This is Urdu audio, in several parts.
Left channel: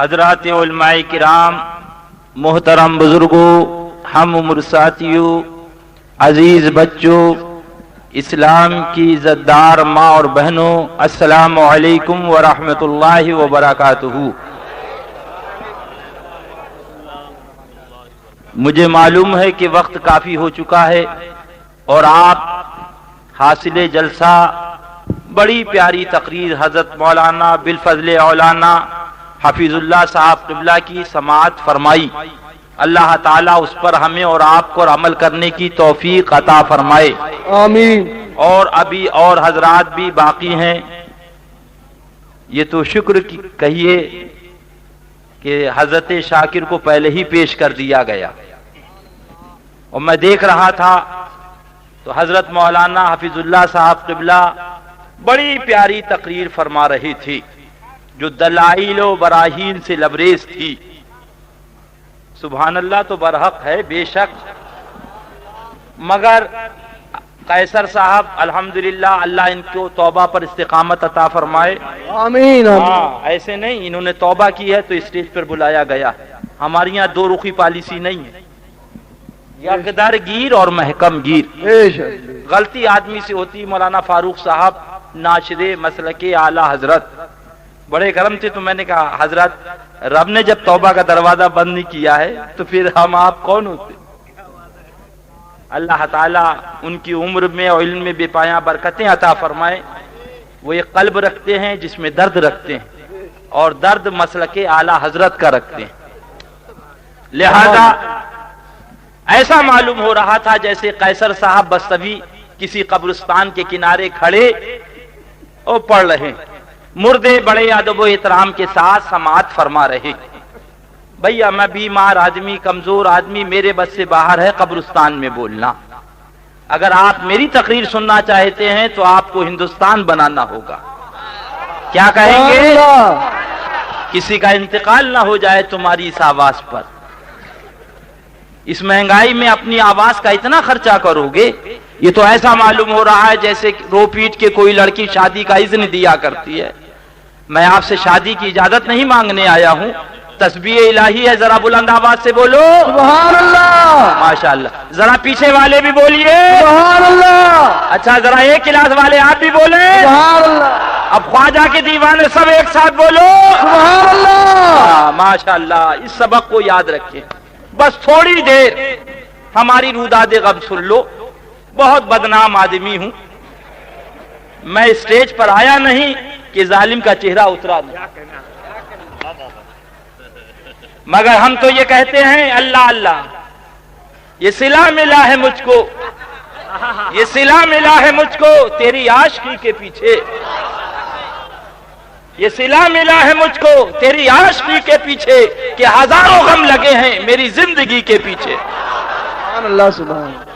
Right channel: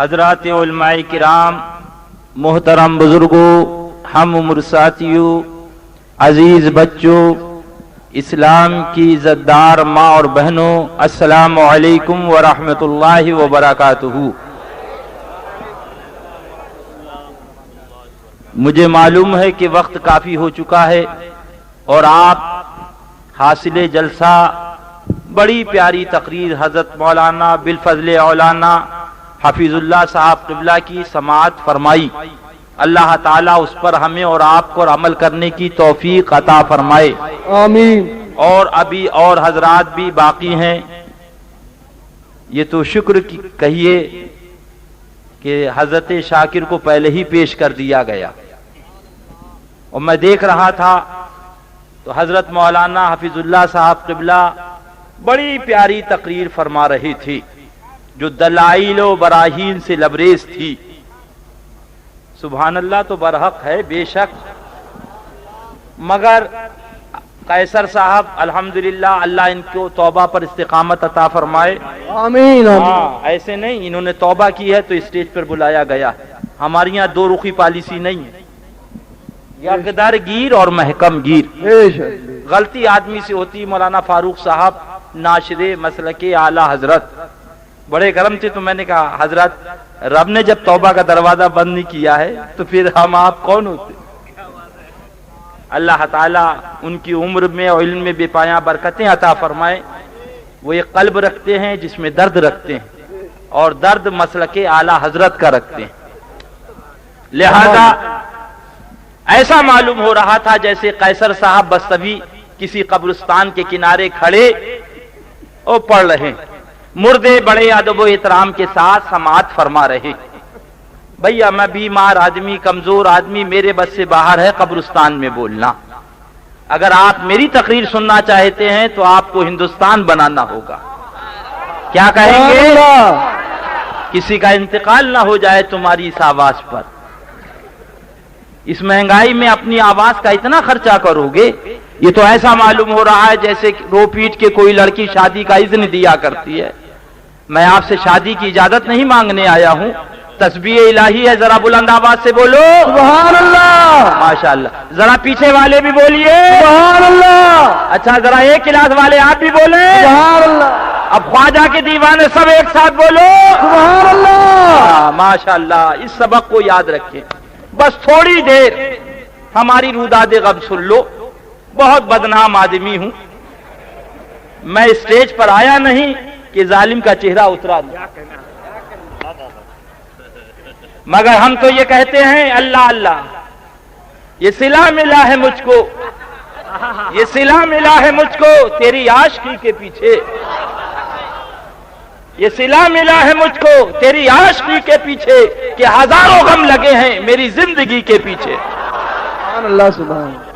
حضرات علماء کرام، محترم بزرگوں، ہم عمر ساتھیوں، عزیز بچوں، اسلام کی عزت دار ماں اور بہنوں، السلام علیکم ورحمۃ اللہ وبرکاتہ۔ مجھے معلوم ہے کہ وقت کافی ہو چکا ہے اور آپ حاصل جلسہ بڑی پیاری تقریر حضرت مولانا بالفضل اولانا حفیظ اللہ صاحب قبلہ کی سماعت فرمائی۔ اللہ تعالیٰ اس پر ہمیں اور آپ کو عمل کرنے کی توفیق عطا فرمائے، آمین۔ اور ابھی اور حضرات بھی باقی ہیں۔ یہ تو شکر کی کہیے کہ حضرت شاکر کو پہلے ہی پیش کر دیا گیا، اور میں دیکھ رہا تھا تو حضرت مولانا حفیظ اللہ صاحب قبلہ بڑی پیاری تقریر فرما رہی تھی جو دلائل و براہین سے لبریز تھی۔ سبحان اللہ تو برحق ہے بے شک، مگر قیصر صاحب الحمدللہ اللہ ان کو توبہ پر استقامت عطا فرمائے، آمین ایسے نہیں انہوں نے توبہ کی ہے تو اسٹیج پر بلایا گیا۔ ہماری یہاں دو رخی پالیسی نہیں ہے، یقدار گیر اور محکم گیر۔ غلطی آدمی سے ہوتی۔ مولانا فاروق صاحب ناشر مسلک اعلی حضرت بڑے گرم تھے، تو میں نے کہا حضرت رب نے جب توبہ کا دروازہ بند نہیں کیا ہے تو پھر ہم آپ کون ہوتے؟ اللہ تعالیٰ ان کی عمر میں اور علم میں بے پایاں برکتیں عطا فرمائے۔ وہ ایک قلب رکھتے ہیں جس میں درد رکھتے ہیں، اور درد مسلک اعلی حضرت کا رکھتے ہیں، لہذا ایسا معلوم ہو رہا تھا جیسے قیصر صاحب بس ابھی کسی قبرستان کے کنارے کھڑے اور پڑھ رہے، مردے بڑے ادب و احترام کے ساتھ سماعت فرما رہے۔ بھیا میں بیمار آدمی، کمزور آدمی، میرے بس سے باہر ہے قبرستان میں بولنا۔ اگر آپ میری تقریر سننا چاہتے ہیں تو آپ کو ہندوستان بنانا ہوگا۔ کیا کہیں گے؟ کسی کا انتقال نہ ہو جائے تمہاری اس آواز پر۔ اس مہنگائی میں اپنی آواز کا اتنا خرچہ کرو گے، یہ تو ایسا معلوم ہو رہا ہے جیسے رو پیٹ کے کوئی لڑکی شادی کا اذن دیا کرتی ہے۔ میں آپ سے شادی کی اجازت نہیں مانگنے آیا ہوں، تسبیح الہی ہے، ذرا بلند آواز سے بولو سبحان اللہ، ماشاءاللہ۔ ذرا پیچھے والے بھی بولیے سبحان اللہ، اچھا ذرا ایک کلاس والے آپ بھی بولیں سبحان اللہ، اب خواجہ کے دیوانے سب ایک ساتھ بولو سبحان اللہ۔ ماشاءاللہ۔ اس سبق کو یاد رکھیں، بس تھوڑی دیر ہماری روداد غم سن لو۔ بہت بدنام آدمی ہوں، میں اسٹیج پر آیا نہیں کہ ظالم کا چہرہ اترا دوں، مگر ہم تو یہ کہتے ہیں اللہ اللہ، یہ صلہ ملا ہے مجھ کو، یہ صلہ ملا ہے مجھ کو تیری عاشقی کے پیچھے، یہ صلہ ملا ہے مجھ کو تیری عاشقی کے پیچھے، کہ ہزاروں غم لگے ہیں میری زندگی کے پیچھے۔ سبحان اللہ، سبحان اللہ۔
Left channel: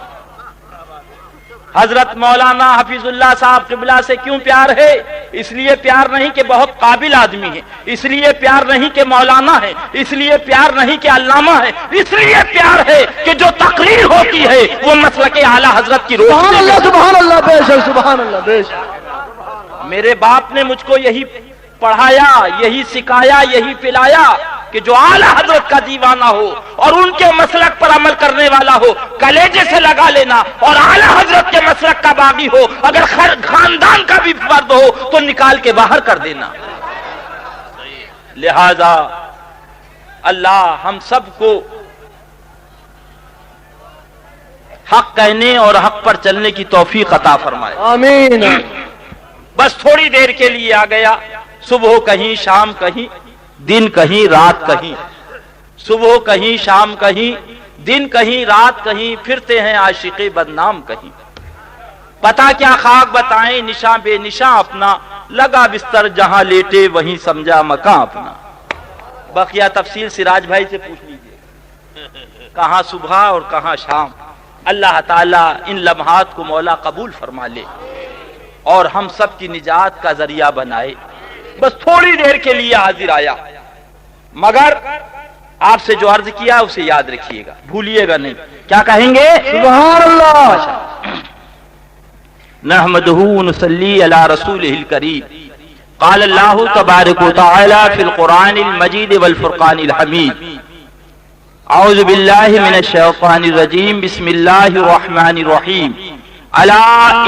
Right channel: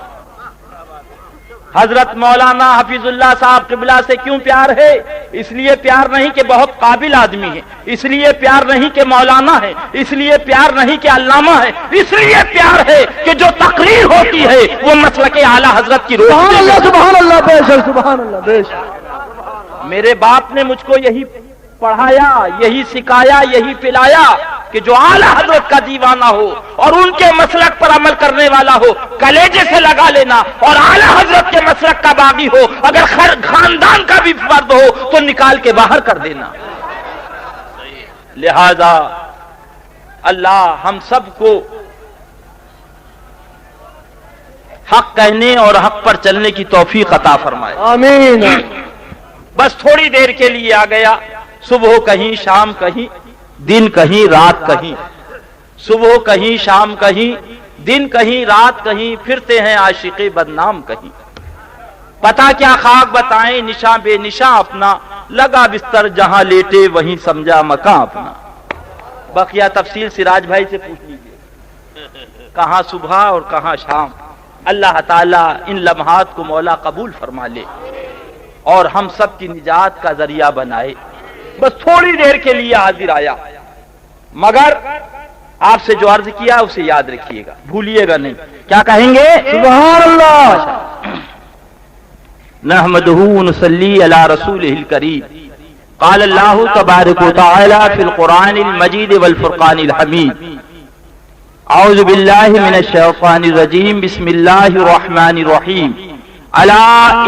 حضرت مولانا حفیظ اللہ صاحب قبلہ سے کیوں پیار ہے؟ اس لیے پیار نہیں کہ بہت قابل آدمی ہے، اس لیے پیار نہیں کہ مولانا ہے، اس لیے پیار نہیں کہ علامہ ہے، اس لیے پیار ہے کہ جو تقریر ہوتی ہے وہ مسلک اعلی حضرت کی سبحان اللہ، روشنی۔ سبحان اللہ، بے شک، سبحان اللہ، بے شک۔ میرے باپ نے مجھ کو یہی پڑھایا، یہی سکھایا، یہی پلایا کہ جو اعلی حضرت کا دیوانہ ہو اور ان کے مسلک پر عمل کرنے والا ہو کلیجے سے لگا لینا، اور اعلی حضرت کے مسلک کا باغی ہو، اگر خاندان کا بھی فرد ہو تو نکال کے باہر کر دینا۔ لہذا اللہ ہم سب کو حق کہنے اور حق پر چلنے کی توفیق عطا فرمائے، آمین۔ بس تھوڑی دیر کے لیے آ گیا، صبح کہیں شام کہیں، دن کہیں رات کہیں، صبح کہیں شام کہیں، دن کہیں رات کہیں، پھرتے ہیں عاشق بدنام کہیں، پتہ کیا خاک بتائیں نشاں بے نشاں اپنا، لگا بستر جہاں لیٹے وہیں سمجھا مکان اپنا۔ بقیہ تفصیل سراج بھائی سے پوچھ لیجیے، کہاں صبح اور کہاں شام۔ اللہ تعالیٰ ان لمحات کو مولا قبول فرما لے اور ہم سب کی نجات کا ذریعہ بنائے۔ بس تھوڑی دیر کے لیے حاضر آیا، مگر آپ سے جو عرض کیا اسے یاد رکھیے گا، بھولیے گا نہیں۔ کیا کہیں گے؟ سبحان اللہ۔ نحمدہ ونصلی علی رسولہ الکریم۔ قال اللہ تبارک و تعالی فی القرآن المجید والفرقان الحمید اعوذ باللہ من الشیطان الرجیم بسم اللہ الرحمن الرحیم الا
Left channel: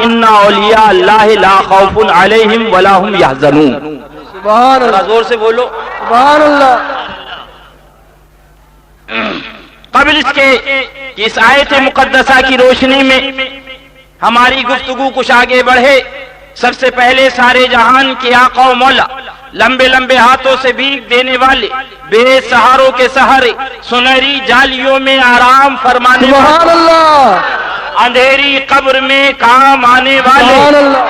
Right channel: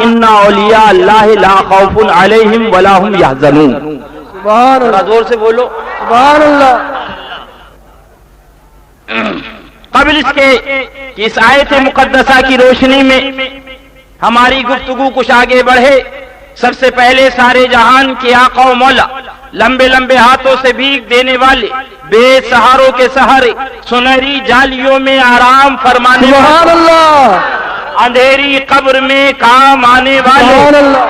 ان اولیاء اللہ لا خوف علیہم ولا هم یحزنون. سبحان اللہ. زور سے بولو سبحان اللہ. قبل اس کے کہ اس آیت مقدسہ کی روشنی میں ہماری گفتگو کچھ آگے بڑھے، سب سے پہلے سارے جہان کے آقا و مولا، لمبے لمبے ہاتھوں سے بھیک دینے والے، بے سہاروں کے سہارے، سنہری جالیوں میں آرام فرمانے والے، سبحان اللہ. اندھیری قبر میں کام آنے سبحان والے، اللہ.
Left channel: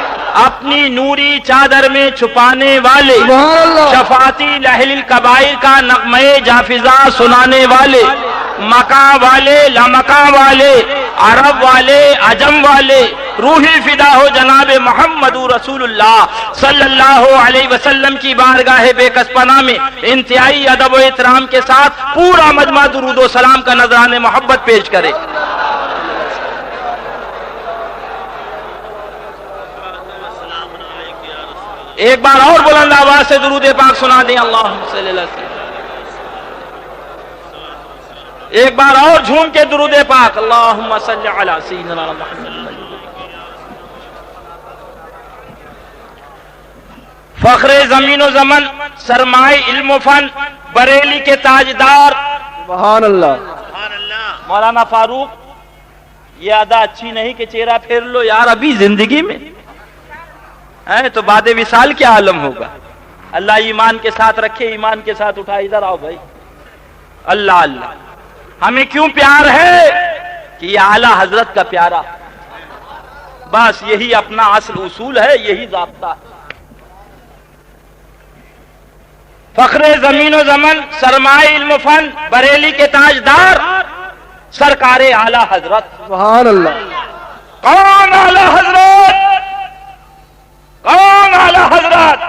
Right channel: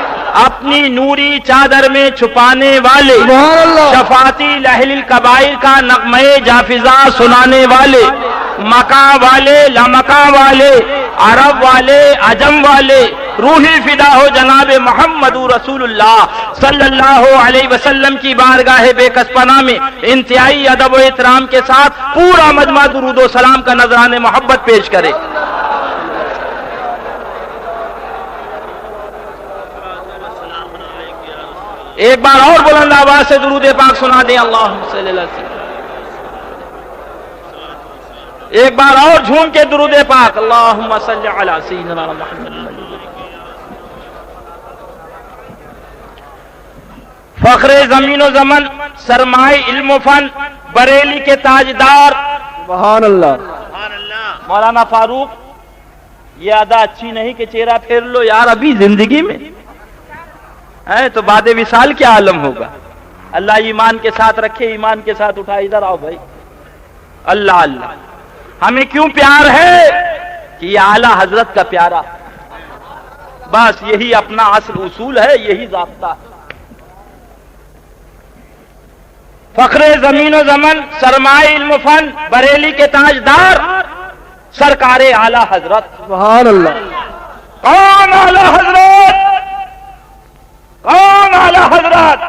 اپنی نوری چادر میں چھپانے والے، سبحان اللہ. شفاعتی لہل الکبائر کا نغمہ جافزہ سنانے والے، مکہ والے لامکہ والے، عرب والے عجم والے، روحی فدا ہو جناب محمد رسول اللہ صلی اللہ علیہ وسلم کی بارگاہ بے کس پناہ میں انتہائی ادب و احترام کے ساتھ پورا مجمع درود و سلام کا نذرانِ محبت پیش کرے. ایک بار اور بلند آواز سے درود پاک سنا دیں. اللہم صلی اللہ علیہ وسلم. ایک بار اور جھوم کے درود پاک. اللہم صلی علی سیدنا محمد. فخر زمین و زمن، سرمائے علم و فن، بریلی کے تاجدار سبحان اللہ. مولانا فاروق، یہ ادا اچھی نہیں کہ چہرہ پھیر لو یار ابھی زندگی میں ہے تو بعد وصال کیا عالم ہوگا. اللہ ایمان کے ساتھ رکھے، ایمان کے ساتھ اٹھا. ادھر آؤ بھائی. اللہ اللہ. ہمیں کیوں پیار ہے کہ یہ اعلیٰ حضرت کا پیارا، بس یہی اپنا اصل اصول ہے، یہی ضابطہ ہے. فخر زمین و زمن، سرمائے علم و فن، بریلی کے تاجدار سرکار اعلیٰ حضرت. سبحان اللہ. کون اعلیٰ حضرت؟ کون اعلیٰ حضرت؟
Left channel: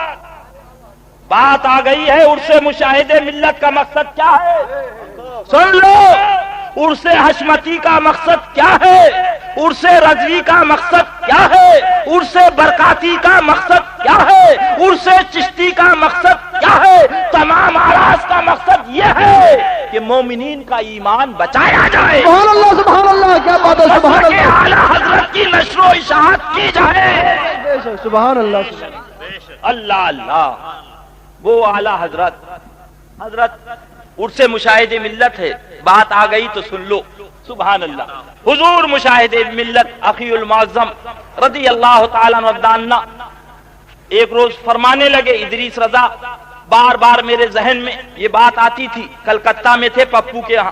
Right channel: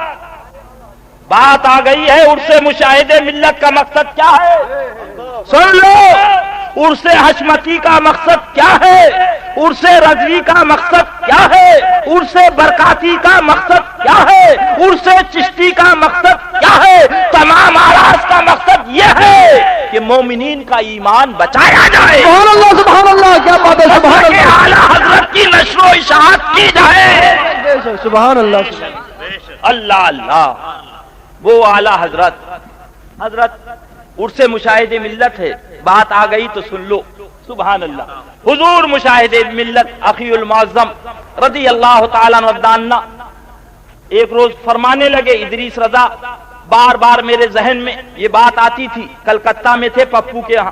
بات آ گئی ہے عرص مشاہدے ملت کا مقصد کیا ہے؟ سن لو. عرص حشمتی کا مقصد کیا ہے؟ عرص رضوی کا مقصد کیا ہے؟ عرص برکاتی کا مقصد کیا ہے؟ عرص چشتی کا مقصد کیا ہے؟ تمام آراز کا مقصد یہ ہے کہ مومنین کا ایمان بچایا جائے. سبحان اللہ. سبحان اللہ. کیا بات ہے. سبحان اللہ. اعلیٰ حضرت کی نشر و اشاعت کی جائے. سبحان اللہ. اللہ اللہ. وہ اعلیٰ حضرت عرص مشاہد ملت ہے. بات آ گئی تو سن لو. سبحان اللہ. حضور مشاہد ملت اخی المعظم رضی اللہ تعالیٰ عنہ ایک روز فرمانے لگے. ادریس رضا بار بار میرے ذہن میں یہ بات آتی تھی. کلکتہ میں تھے پپو کے ہاں،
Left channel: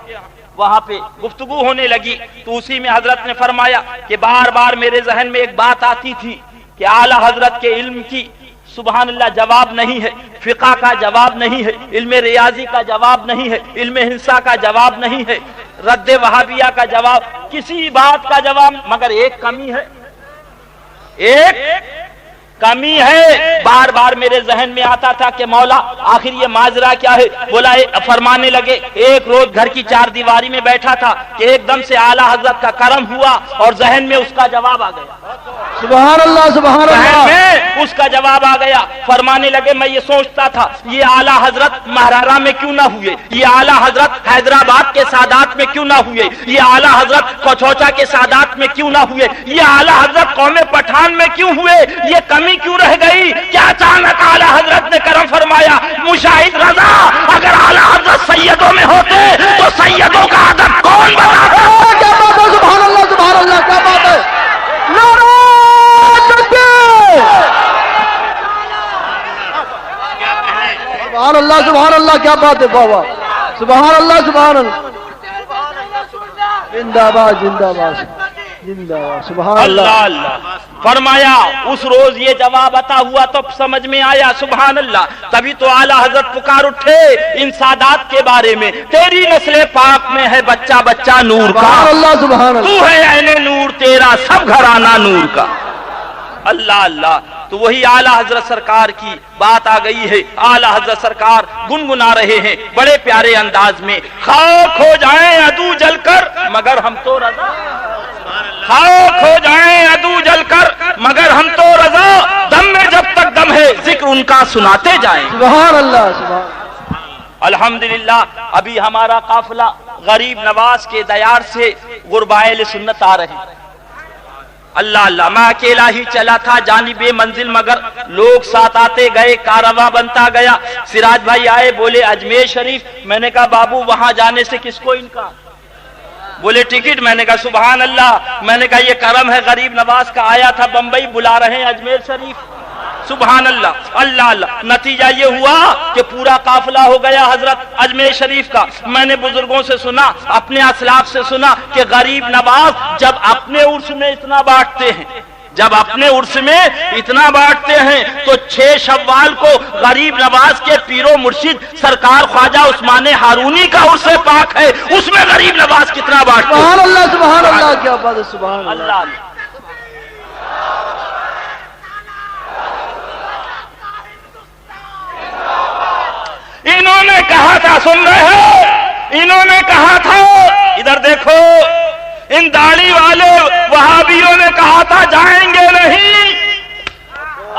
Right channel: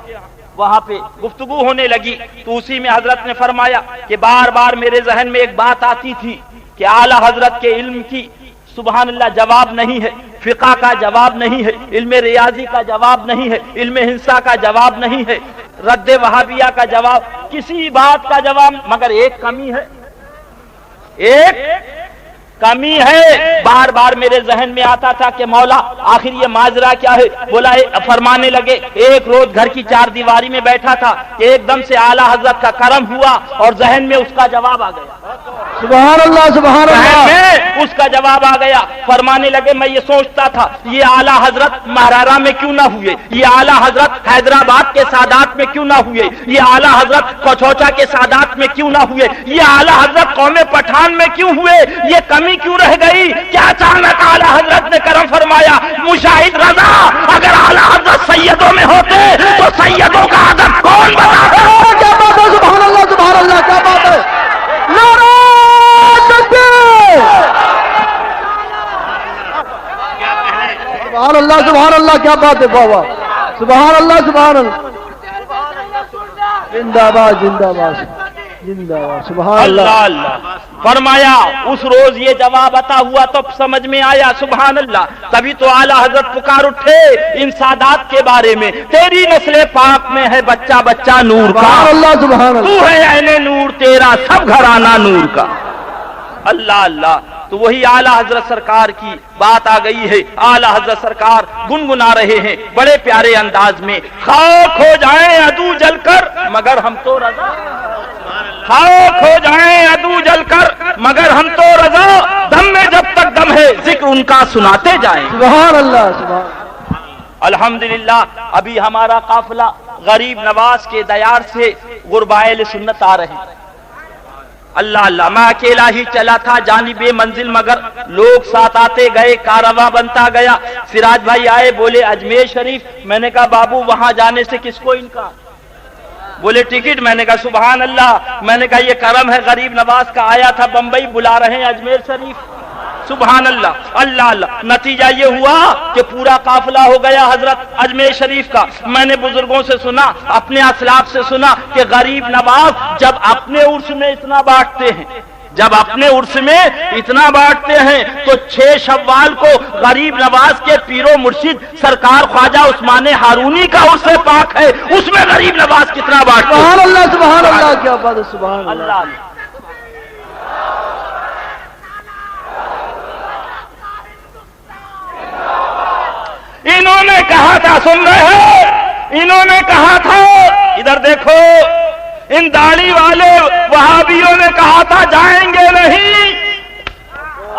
وہاں پہ گفتگو ہونے لگی تو اسی میں حضرت نے فرمایا کہ بار بار میرے ذہن میں ایک بات آتی تھی کہ اعلیٰ حضرت کے علم کی سبحان اللہ جواب نہیں ہے، فقہ کا جواب نہیں ہے، علم ریاضی کا جواب نہیں ہے، علم ہنسا کا جواب نہیں ہے، رد وہابیہ کا جواب، کسی بات کا جواب، مگر ایک کمی ہے. ایک کمی ہے. بار بار میرے ذہن میں آتا تھا کہ مولا آخر یہ ماجرا کیا ہے. بولا فرمانے لگے ایک روز گھر کی چار دیواری میں بیٹھا تھا کہ ایک دم سے اعلیٰ حضرت کا کرم ہوا اور ذہن میں اس کا جواب آ گیا. سبحان اللہ. سبحان اللہ. اس کا جواب آ گیا. فرمانے لگے میں یہ سوچتا تھا یہ اعلیٰ حضرت مہرارا میں کیوں نہ ہوئے، یہ اعلیٰ حضرت حیدرآباد کے سادات میں کیوں نہ ہوئے، یہ اعلیٰ حضرت کوچوچا کے سادات میں کیوں نہ ہوئے، یہ اعلیٰ حضرت قوم پٹھان میں کیوں ہوئے، یہ کمی کیوں رہ گئی؟ کیا اچانک اعلیٰ حضرت نے کرم فرمایا. مشاہد رضا اگر اعلیٰ حضرت سیدوں میں ہوتے تو سیدوں کا ادب کون بنا ہے؟ کیا بات ہے. سبحان اللہ. سبحان اللہ. کیا بات ہے. نعرہ تکبیر. سبحان اللہ. سبحان اللہ. کیا بات ہے بابا. سبحان اللہ. سبحان اللہ. زندہ باد. زندہ باد. زندہ باد. سبحان اللہ اللہ. اللہ. فرمایا اس روز یہ جواب عطا ہوا تو سمجھ میں آیا. سبحان اللہ. تبھی تو اعلیٰ حضرت پکار اٹھے ان سادات کے بارے میں. تیری نسل پاک میں ہے بچہ بچہ نور کا. سبحان اللہ. سبحان اللہ. تو ہے اہل نور تیرا سب گھرانہ نور کا. اللہ اللہ. تو وہی اعلیٰ حضرت سرکار کی بات آ گئی ہے. اعلیٰ حضرت سرکار گنگنا رہے ہیں بڑے پیارے انداز میں. خاک ہو جائیں عدو جل کر مگر ہم تو رضا، خاک ہو جائیں عدو جل کر مگر ہم تو رضا دم میں جب تک دم ہے ذکر ان کا سناتے جائیں. سبحان اللہ سبحان. الحمدللہ ابھی ہمارا قافلہ غریب نواز کے دیار سے غربائے سنت آ رہے ہیں. اللہ اللہ، میں اکیلا ہی چلا تھا جانب منزل، مگر لوگ ساتھ آتے گئے، کارواں بنتا گیا. سراج بھائی آئے، بولے اجمیر شریف. میں نے کہا بابو وہاں جانے سے کس کو انکار؟ بولے ٹکٹ. میں نے کہا سبحان اللہ. میں نے کہا یہ کرم ہے غریب نواز کا، آیا تھا بمبئی، بلا رہے ہیں اجمیر شریف. سبحان اللہ. اللہ اللہ. نتیجہ یہ ہوا کہ پورا قافلہ ہو گیا حضرت اجمیر شریف کا. میں نے بزرگوں سے سنا، اپنے اسلاف سے سنا کہ غریب نواز جب اپنے عرس میں اتنا بانٹتے ہیں، جب اپنے عرس میں اتنا بانٹتے ہیں تو 6 شوال کو غریب نواز کے پیر و مرشد سرکار خواجہ عثمان ہارونی کا عرس پاک ہے، اس میں غریب نواز کتنا بانٹتے ہیں. سبحان اللہ سبحان اللہ. کیا بات ہے. سبحان اللہ. اللہ. انہوں نے کہا تھا، سن رہے ہیں، انہوں نے کہا تھا، ادھر دیکھو، ان داڑھی والے وہابیوں نے کہا تھا جائیں گے نہیں.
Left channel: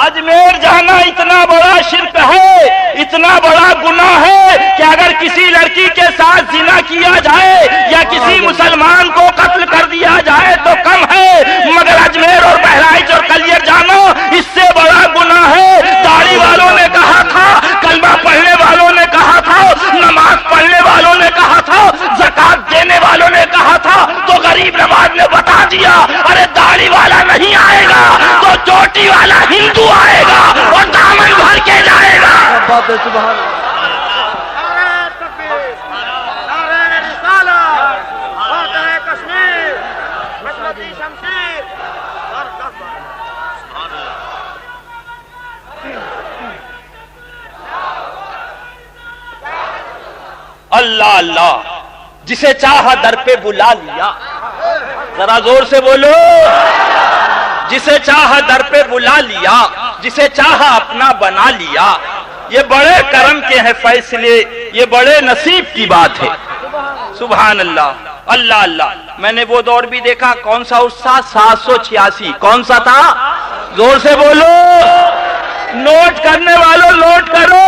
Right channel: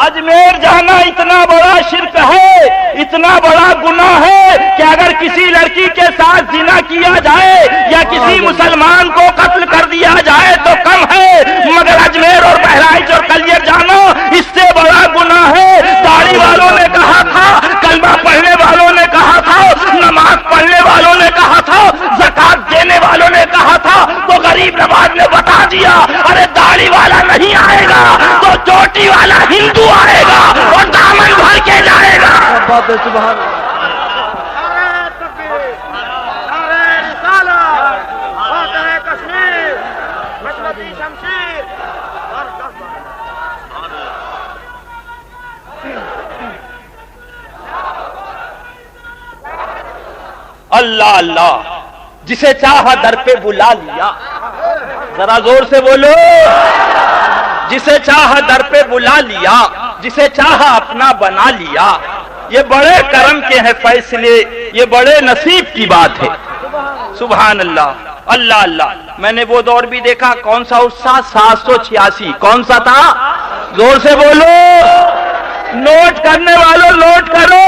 اجمیر جانا اتنا بڑا شرک ہے، اتنا بڑا گناہ ہے کہ اگر کسی لڑکی کے ساتھ زنا کیا جائے یا کسی مسلمان کو قتل کر دیا جائے تو کم ہے، مگر اجمیر اور بہرائچ اور کلیر جانا اس سے بڑا گناہ ہے. داڑھی والوں نے کہا تھا، کلمہ پڑھنے والوں نے کہا تھا، نماز پڑھنے والوں نے کہا تھا، زکات دینے والوں نے کہا تھا، تو غریب نواز نے بتا دیا ارے داڑھی والا نہیں آئے گا تو چوٹی والا ہندو آئے گا اور دامن بھر کے جائے گا. کیا بات ہے. سبحان اللہ. اللہ اللہ. جسے چاہا در پہ بلا لیا. ذرا زور سے بولو. جسے چاہا در پہ بلا لیا، جسے چاہا اپنا بنا لیا. یہ بڑے کرم کے ہیں فیصلے، یہ بڑے نصیب کی بات ہے. سبحان اللہ. اللہ اللہ. میں نے وہ دور بھی دیکھا. کون سا عرس تھا؟ 786. کون سا تھا؟ زور سے بولو. نوٹ کرنے والوں نوٹ کرو،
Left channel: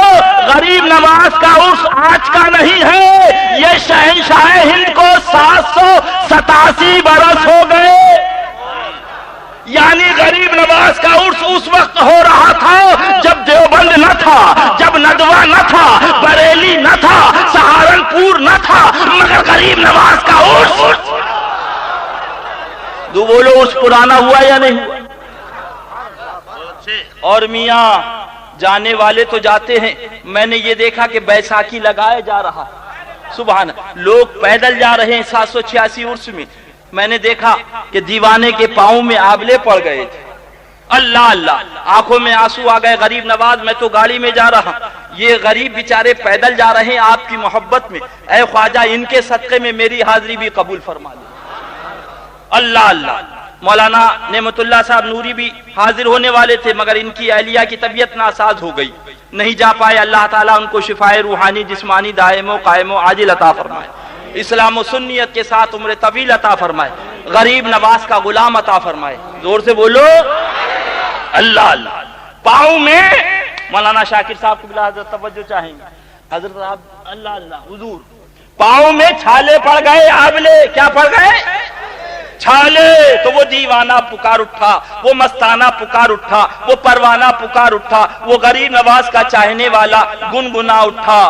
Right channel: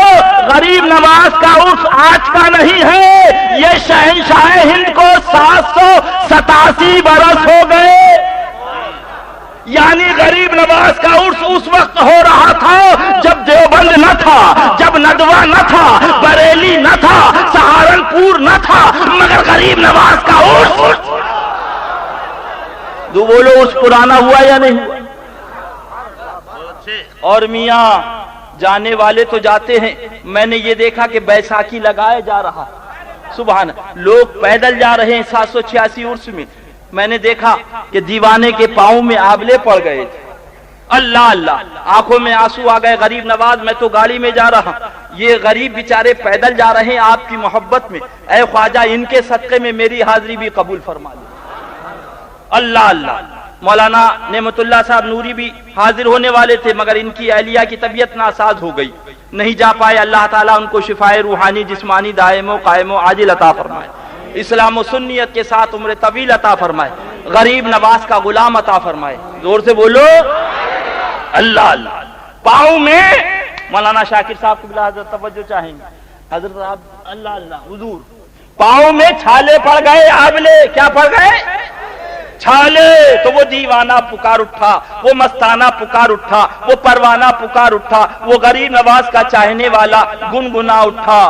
غریب نواز کا عرس آج کا نہیں ہے، یہ شہنشاہ ہند کو 787 برس ہو گئے. یعنی غریب نواز کا عرس اس وقت ہو رہا تھا جب دیوبند نہ تھا، جب ندوہ نہ تھا، بریلی نہ تھا، سہارنپور نہ تھا، مگر غریب نواز کا عرس. دو بولو، عرس پرانا ہوا یا نہیں ہوا؟ اور میاں جانے والے تو جاتے ہیں. میں نے یہ دیکھا کہ بیساکھی لگایا جا رہا. سبحان. لوگ پیدل جا رہے ہیں 786 عرس میں. میں نے دیکھا کہ دیوانے کے پاؤں میں آبلے پڑ گئے تھے. اللہ اللہ. آنکھوں میں آنسو آ گئے. غریب نواز میں تو گاڑی میں جا رہا، یہ غریب بیچارے پیدل جا رہے ہیں آپ کی محبت میں. اے خواجہ ان کے صدقے میں میری حاضری بھی قبول فرما لیں. اللہ اللہ. مولانا نعمت اللہ صاحب نوری بھی حاضر ہونے والے تھے، مگر ان کی اہلیہ کی طبیعت ناساز ہو گئی، نہیں جا پائے. اللہ تعالیٰ ان کو شفائے روحانی جسمانی دائم و قائم و عاجل عطا فرمائے. اسلام و سنیت کے ساتھ عمر طویل عطا فرمائے. غریب نواز کا غلام عطا فرمائے. زور سے بولو. اللہ اللہ. پاؤں میں مولانا شاکر صاحب کو بلا حضرت توجہ چاہیں گے. حضرت صاحب اللہ اللہ حضور پاؤں میں چھالے پڑ گئے. آبلے کیا پڑ گئے؟ چھالے. تو وہ دیوانہ پکار اٹھا، وہ مستانہ پکار اٹھا، وہ پروانہ پکار اٹھا، وہ غریب نواز کا چاہنے والا گنگنا اٹھا.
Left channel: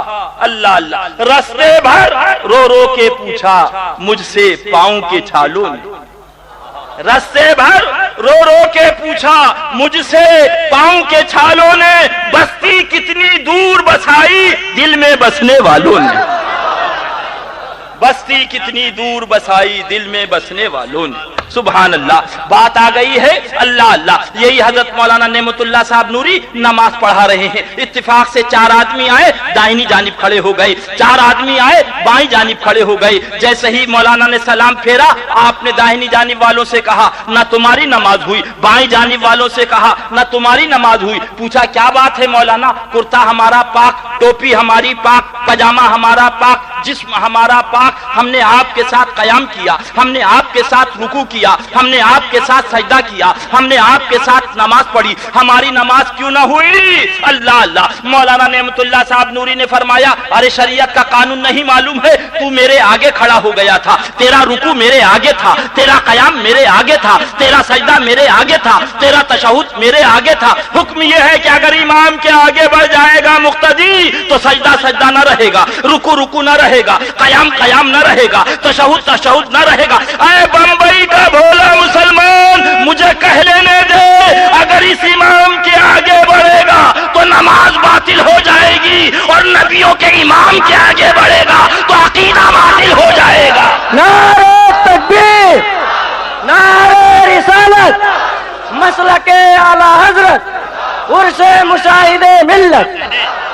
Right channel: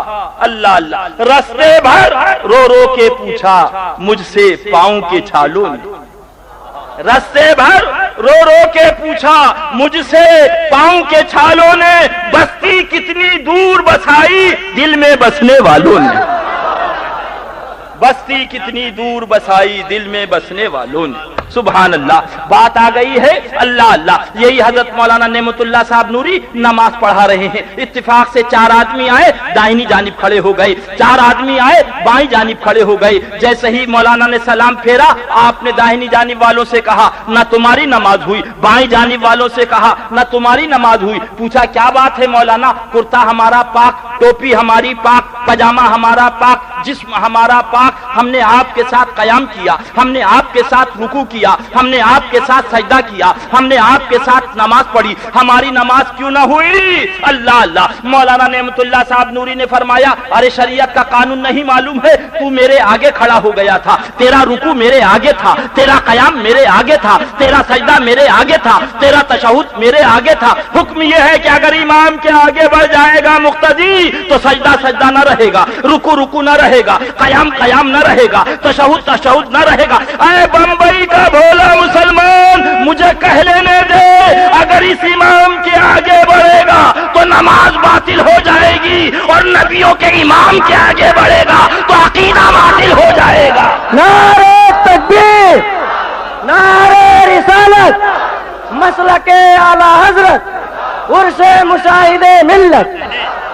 اللہ اللہ. رستے بھر رو رو کے پوچھا مجھ سے پاؤں کے چھالوں نے. رستے بھر رو رو کے پوچھا مجھ سے پاؤں کے چھالوں نے، بستی کتنی دور بسائی دل میں بسنے والوں نے. بستی کتنی دور بسائی دل میں بسنے والوں نے. سبحان اللہ. بات آ گئی ہے. اللہ اللہ. یہی حضرت مولانا نعمت اللہ صاحب نوری نماز پڑھا رہے ہیں. اتفاق سے 4 آدمی آئے، دائنی جانب کھڑے ہو گئے. 4 آدمی آئے، بائیں جانب کھڑے ہو گئے. جیسے ہی مولانا نے سلام پھیرا، آپ نے دائنی جانب والوں سے کہا نہ تمہاری نماز ہوئی، بائیں جانب والوں سے کہا نہ تمہاری نماز ہوئی. پوچھا کیا بات ہے مولانا؟ کرتا ہمارا پاک، ٹوپی ہماری پاک، پجامہ ہمارا پاک، جسم ہمارا پاک، ہم نے آپ کے ساتھ قیام کیا، ہم نے آپ کے ساتھ رکوع کیا، ہم نے آپ کے ساتھ سجدہ کیا، ہم نے آپ کے ساتھ نماز پڑھی، ہماری نماز کیوں نہ ہوئی؟ اللہ اللہ۔ مولانا نعمت اللہ صاحب نوری نے فرمایا ارے شریعت کا قانون نہیں معلوم ہے؟ تو میرے آگے کھڑا ہو گیا تھا، تیرا رکوع میرے آگے تھا، تیرا قیام میرے آگے تھا، تیرا سجدہ میرے آگے تھا، تیرا تشہد میرے آگے تھا۔ حکم یہ ہے کہ اگر امام کے آگے بڑھ جائے گا مقتدی تو سجدہ سجدہ نہ رہے گا، رکوع رکوع نہ رہے گا، قیام قیام نہ رہے گا، تشہد تشہد نہ رہے گا۔ اے بمبئی کا بھولا مسلمان، مجھے کہہ لینے دے، اگر اس امام کے آگے بڑھے گا تو نماز باطل ہو جائے گی، اور نبیوں کے امام کے آگے بڑھے گا تو عقیدہ باطل ہو جائے گا۔ نعرہ تکبیر، نعرہ رسالت، مسلک اعلی حضرت، عرش مشاہد ملت۔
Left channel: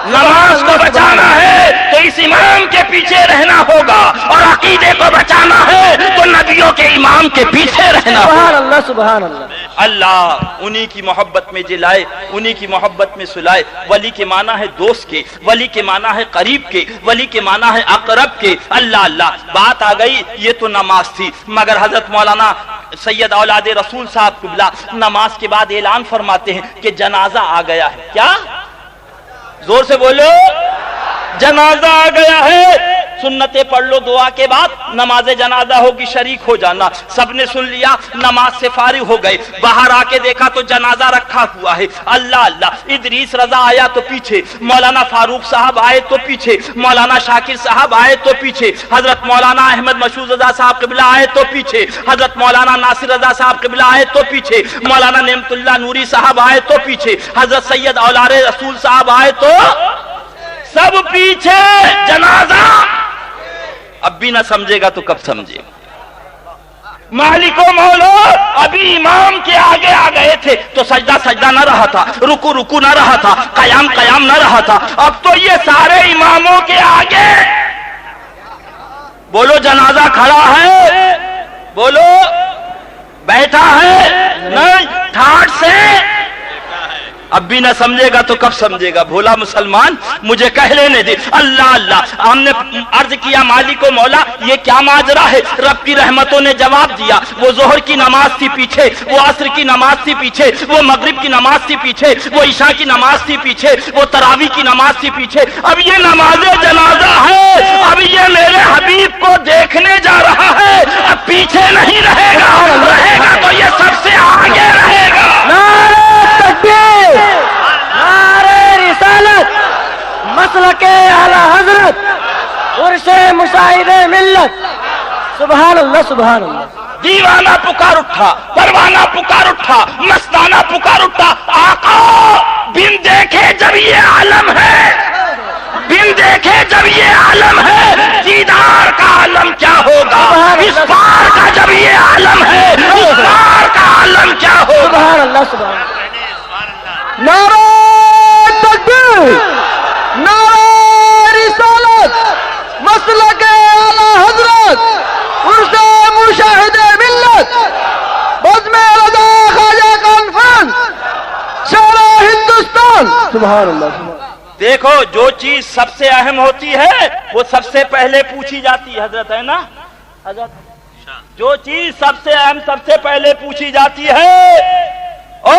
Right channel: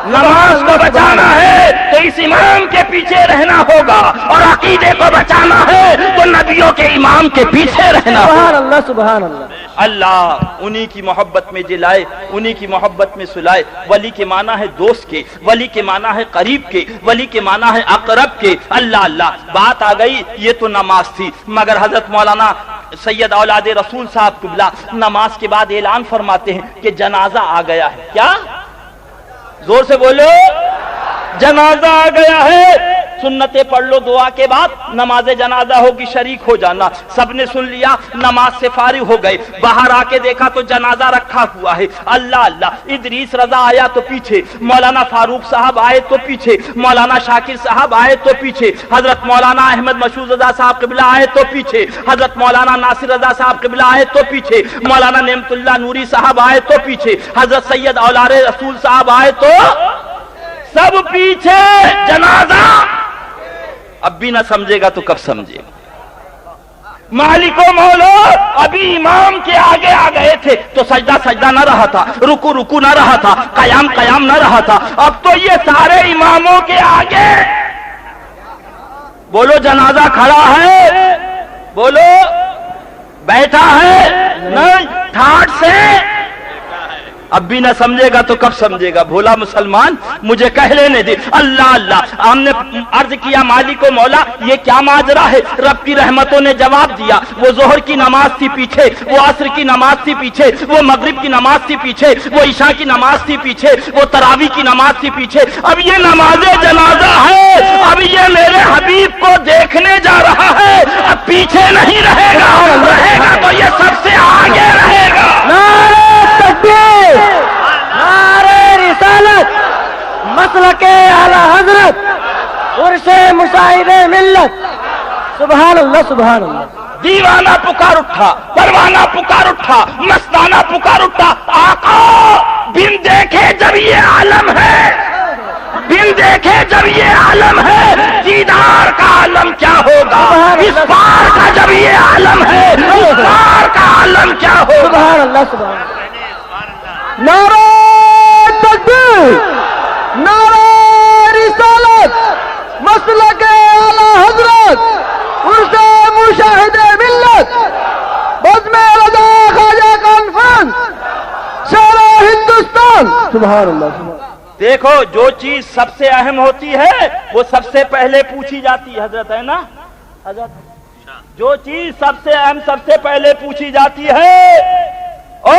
نماز کو بچانا ہے تو اس امام کے پیچھے رہنا ہوگا، اور عقیدے کو بچانا ہے تو نبیوں کے امام کے پیچھے رہنا ہوگا۔ سبحان اللہ سبحان اللہ۔ اللہ انہی کی محبت میں جلائے، انہی کی محبت میں سلائے۔ ولی کے معنی ہے دوست کے، ولی کے معنی ہے قریب کے، ولی کے معنی ہے اقرب کے۔ اللہ اللہ۔ بات آ گئی، یہ تو نماز تھی، مگر حضرت مولانا سید اولاد رسول صاحب قبلہ نماز کے بعد اعلان فرماتے ہیں کہ جنازہ آ گیا ہے۔ کیا؟ زور سے بولو، جنازہ آ گیا ہے۔ سنتیں پڑھ لو، دعا کے بعد نماز جنازہ ہوگی، شریک ہو جانا۔ سب نے سن لیا، نماز سے فارغ ہو گئے، باہر آ کے دیکھا تو جنازہ رکھا ہوا ہے۔ اللہ اللہ۔ ادریس رضا آیا تو پیچھے، مولانا فاروق صاحب آئے تو پیچھے، مولانا شاکر صاحب آئے تو پیچھے، حضرت مولانا احمد مشہور رضا صاحب قبلہ آئے تو پیچھے، حضرت مولانا ناصر رضا صاحب قبلہ آئے تو پیچھے، مولانا نعمت اللہ نوری صاحب آئے تو پیچھے، حضرت سید اولاد رسول صاحب آئے تو سب پیچھے۔ جنازہ اب بھی نہ سمجھے گا تو کب سمجھے گا؟ مالک و مولا ابھی امام کے آگے آ گئے تھے تو سجدہ سجدہ نہ رہا تھا، رکوع رکوع نہ رہا تھا، قیام قیام نہ رہا تھا۔ اب تو یہ سارے اماموں کے آگے بولو جنازہ کھڑا ہے، بولو بیٹھا ہے، نہیں ٹھاٹ سے۔ اب بھی نہ سمجھے گا تو کب سمجھے گا؟ بھولا مسلمان مجھے کہہ لینے دے۔ اللہ اللہ۔ ہم نے عرض کیا مالک و مولا یہ کیا ماجرا ہے؟ رب کی رحمتوں نے جواب دیا، وہ ظہر کی نماز تھی پیچھے، وہ عصر کی نماز تھی پیچھے، وہ مغرب کی نماز تھی پیچھے، وہ عشاء کی نماز تھی پیچھے، وہ تراویح کی نماز تھی پیچھے۔ اب یہ نماز جنازہ ہے، اب یہ میرے حبیب کو دیکھنے جا رہا ہے، اب پیچھے نہیں رہے گا، رہے گا تو یہ سب سے آگے رہے گا۔ تکبیر، نعرہ رسالت، مسلک اعلی حضرت، عرش مشاہد ملت۔ سبحان اللہ سبحان اللہ۔ دیوانہ پکار اٹھا، پروانہ پکار اٹھا، مستانہ پکار اٹھا، آقا بن دیکھے جب یہ عالم ہے، بن دیکھے جب یہ عالم ہے، دیدار کا عالم کیا ہوگا؟ اس پار کا جب یہ عالم ہے، اس پار کا عالم کیا ہوگا؟ سبحان اللہ سبحان اللہ۔ نعرہ تکبیر، نعرہ رسالت، مسلک اعلی حضرت، عرش مشاہد ملت، بزم رضا خواجہ کانفرنس، شورا ہندوستان۔ سبحان اللہ۔ دیکھو جو چیز سب سے اہم ہوتی ہے وہ سب سے پہلے پوچھی جاتی ہے، حضرت ہے نا حضرت؟ جو چیز سب سے اہم سب سے پہلے پوچھی جاتی ہے۔ او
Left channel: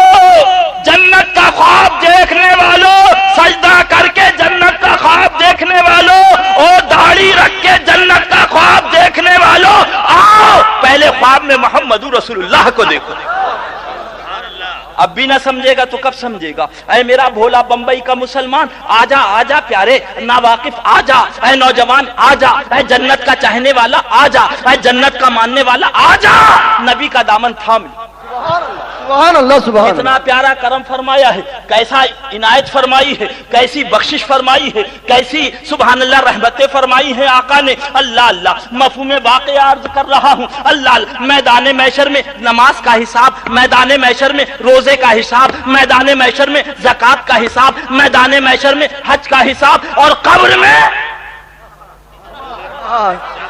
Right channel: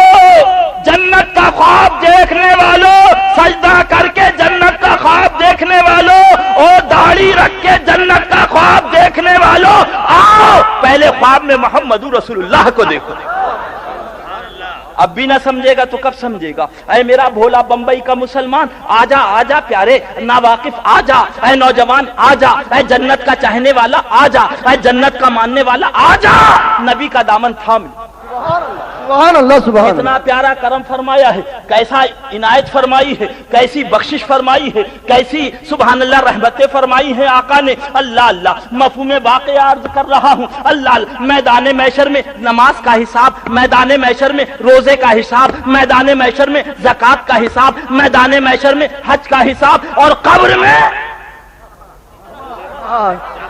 جنت کا خواب دیکھنے والوں، سجدہ کر کے جنت کا خواب دیکھنے والوں، اور داڑھی رکھ کے جنت کا خواب دیکھنے والوں، آؤ پہلے خواب میں محمد رسول اللہ کو دیکھو۔ اب بھی نہ سمجھے گا تو کب سمجھے گا؟ اے میرا بھولا بمبئی کا مسلمان، آجا آجا پیارے ناواقف، آجا اے نوجوان، آجا اے جنت کا چاہنے والا، آجا اے جنت کا ماننے والا، آجا نبی کا دامن تھام۔ سبحان اللہ سبحان اللہ۔ اتنا پیارا کرم فرمایا ہے، کیسا عنایت فرمائی ہے، کیسی بخشش فرمائی ہے، کیسی سبحان اللہ رحمتیں فرمائی ہیں آقا نے۔ اللہ اللہ۔ مفہوم واقعہ عرض کر رہا ہوں۔ اللہ اللہ۔ میدان محشر میں نماز کا حساب، میدان محشر میں روزے کا حساب، میدان محشر میں زکوٰۃ کا حساب، میدان محشر میں حج کا حساب، اور قبر میں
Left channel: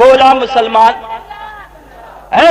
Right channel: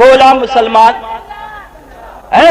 بولا مسلمان